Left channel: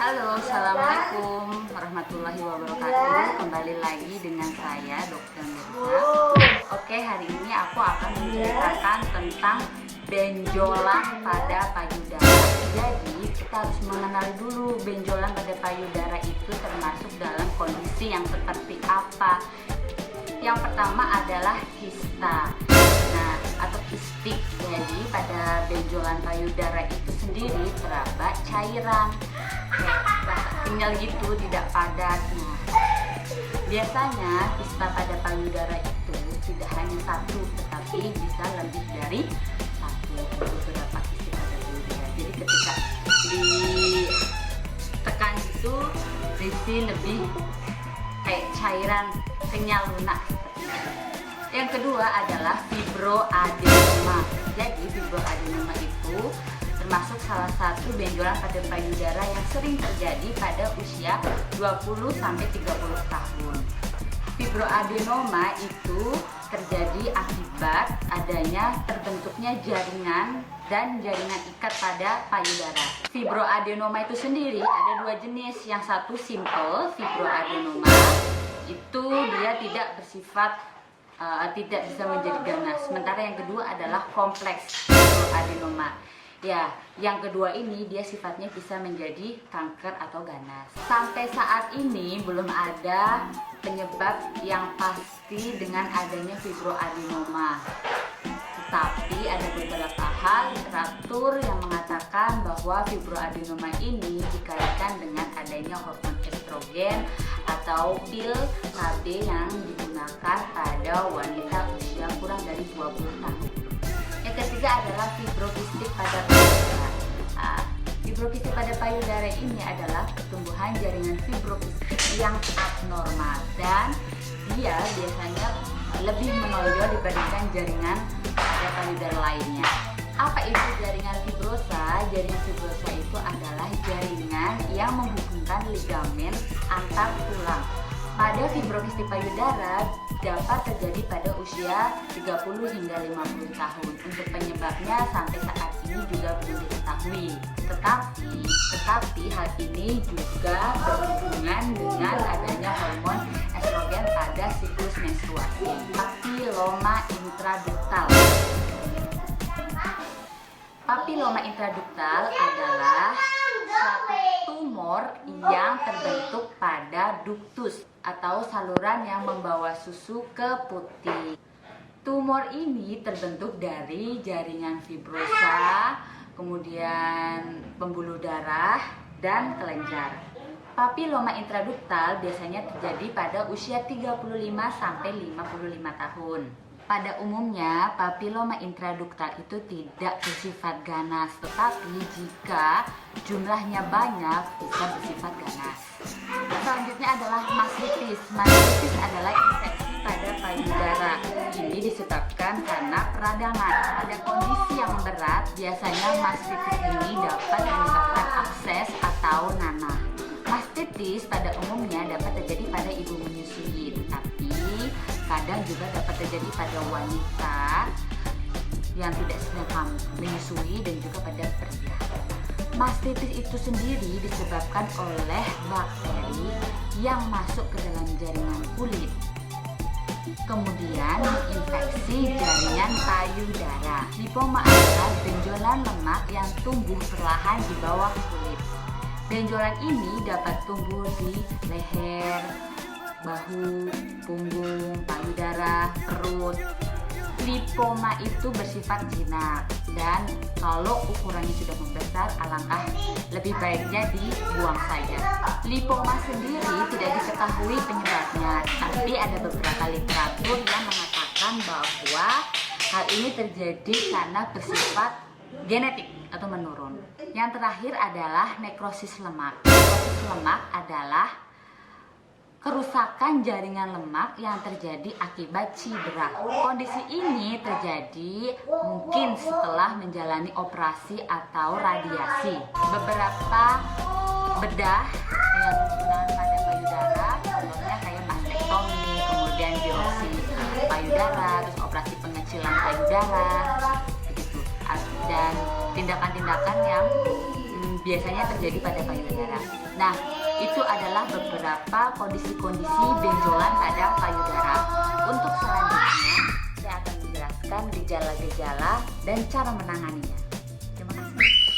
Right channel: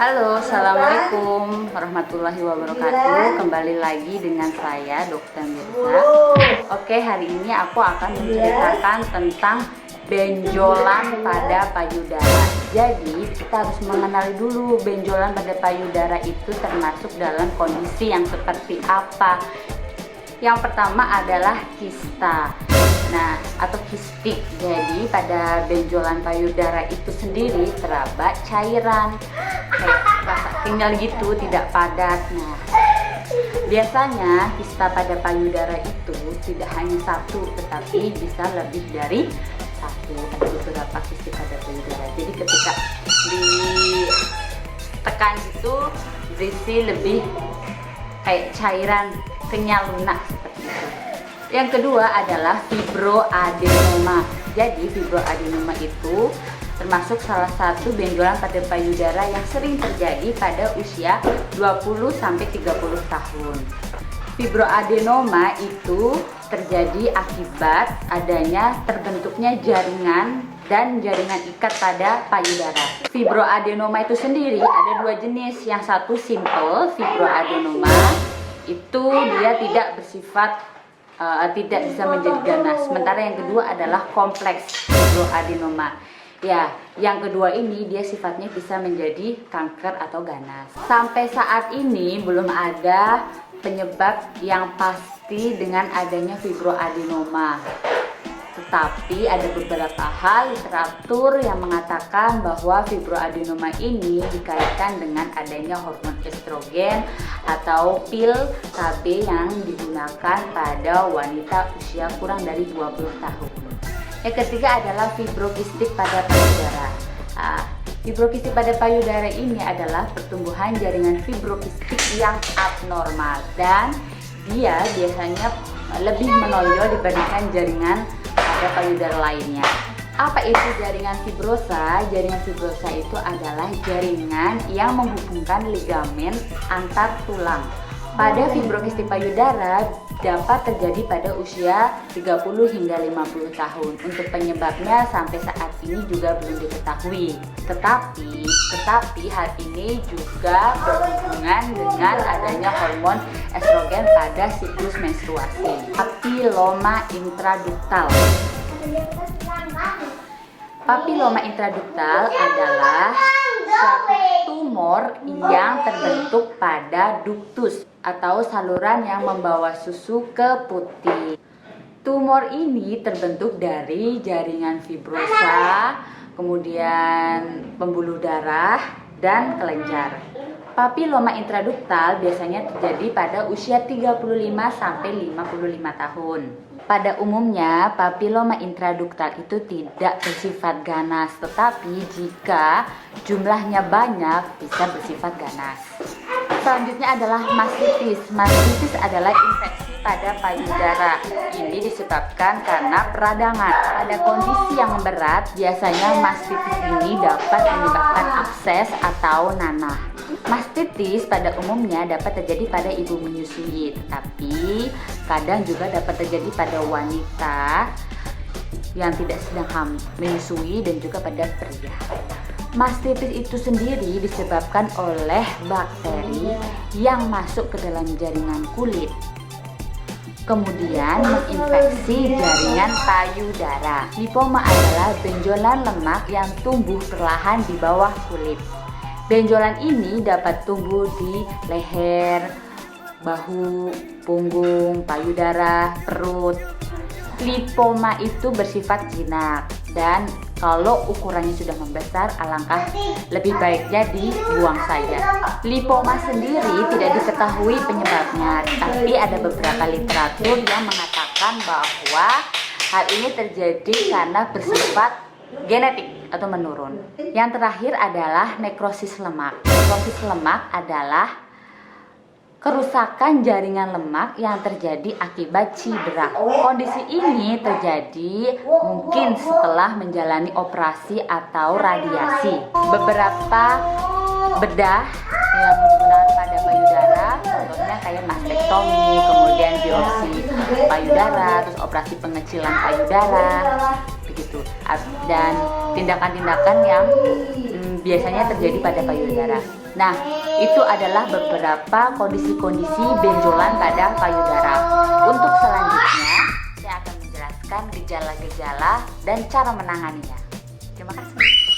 Halo, Assalamualaikum warahmatullahi wabarakatuh. Kembali lagi dengan saya, Dokter Mirza. Oke, hari ini aku akan menceritakan tentang benjolan pada payudara. Jadi, kita harus mengenali dulu benjolan pada payudara itu termasuk dalam kondisi yang seperti apa. Yang pertama adalah kista. Nah, atau kistik. Jadi pada benjolan payudara itu sendiri terdapat cairan kayak rasa kenyal gitu, tidak padat. Nah, biasanya kista pada payudara itu tidak hanya satu, tetapi bisa lebih dari satu. Beberapa kistik pada payudara. Jadi ketika ditekan itu berisi lebih kayak cairan kenyal lunak. Yang kedua adalah fibroadenoma. Jadi fibroadenoma itu termasuk salah satu benjolan pada payudara yang sering terjadi pada usia 20-30 tahun. Fibroadenoma itu terjadi akibat adanya terbentuknya jaringan dan jaringan ikat pada payudara. Fibroadenoma itu sendiri ada dua jenis. Yang satu simple fibroadenoma, itu dia tidak bersifat tidak bisa menjadi ganas. Sementara yang kedua adalah kompleks fibroadenoma. Ya, yang kedua ini dia sifatnya bisa menjadi kanker atau ganas. Sampai saat ini belum ada penyebab yang pasti dengan adanya fibroadenoma. Tetapi ada beberapa hal literatur yang mengatakan bahwa fibroadenoma ini dikaitkan dengan adanya hormon estrogen atau pil KB yang digunakan pada wanita usia kurang dari 20 tahun. Yang ketiga adalah fibrokistik pada payudara. Fibrokistik pada payudara ini adalah pertumbuhan jaringan fibrokistik yang abnormal dan dia biasanya lebih menonjol dibandingkan jaringan pada payudara lainnya. Apa itu jaringan fibrosa? Jaringan fibrosa itu adalah jaringan yang menghubungkan ligamen antar tulang. Pada fibrokistik payudara dapat terjadi pada usia 30 hingga 50 tahun. Untuk penyebabnya sampai saat ini juga belum diketahui. Tetapi hal ini juga berhubungan dengan adanya hormon estrogen pada siklus menstruasi. Papiloma intraduktal. Papiloma intraduktal adalah suatu tumor yang terbentuk pada duktus atau saluran yang membawa susu ke putih. Tumor ini terbentuk dari jaringan fibrosa, kemudian pembuluh darah, dan kelenjar. Papiloma intraduktal biasanya terjadi pada usia 35 sampai 55 tahun. Pada umumnya, papiloma intraduktal itu tidak bersifat ganas, tetapi jika jumlahnya banyak bisa bersifat ganas. Selanjutnya adalah mastitis. Mastitis adalah infeksi pada payudara. Ini disebabkan karena peradangan. Pada kondisi yang berat, biasanya mastitis ini dapat menyebabkan abses atau nanah. Mastitis pada umumnya dapat terjadi pada ibu menyusui, tetapi kadang juga dapat terjadi pada wanita yang tidak sedang menyusui dan juga pada pria. Mastitis itu sendiri disebabkan oleh bakteri yang masuk ke dalam jaringan kulit, kemudian menginfeksi jaringan payudara. Lipoma adalah benjolan lemak yang tumbuh perlahan di bawah kulit. Benjolan ini dapat tumbuh di leher, bahu, punggung, payudara, perut. Lipoma itu bersifat jinak dan kalau ukurannya sudah membesar, alangkah lebih baiknya dibuang saja. Lipoma sendiri tidak diketahui penyebabnya, tapi ada beberapa literatur yang mengatakan bahwa hal ini terjadi karena bersifat genetik atau menurun. Yang terakhir adalah nekrosis lemak. Nekrosis lemak adalah kerusakan jaringan lemak yang terjadi akibat cedera. Kondisi ini terjadi mungkin setelah menjalani operasi atau radiasi. Beberapa bedah yang digunakan pada payudara, contohnya kayak mastektomi, kemudian biopsi payudara, terus operasi pengecilan payudara, begitu. Dan tindakan-tindakan yang biasanya terjadi pada payudara. Nah, itu adalah beberapa kondisi-kondisi benjolan pada payudara. Untuk selanjutnya, saya akan menjelaskan gejala-gejala dan cara menanganinya. Terima kasih.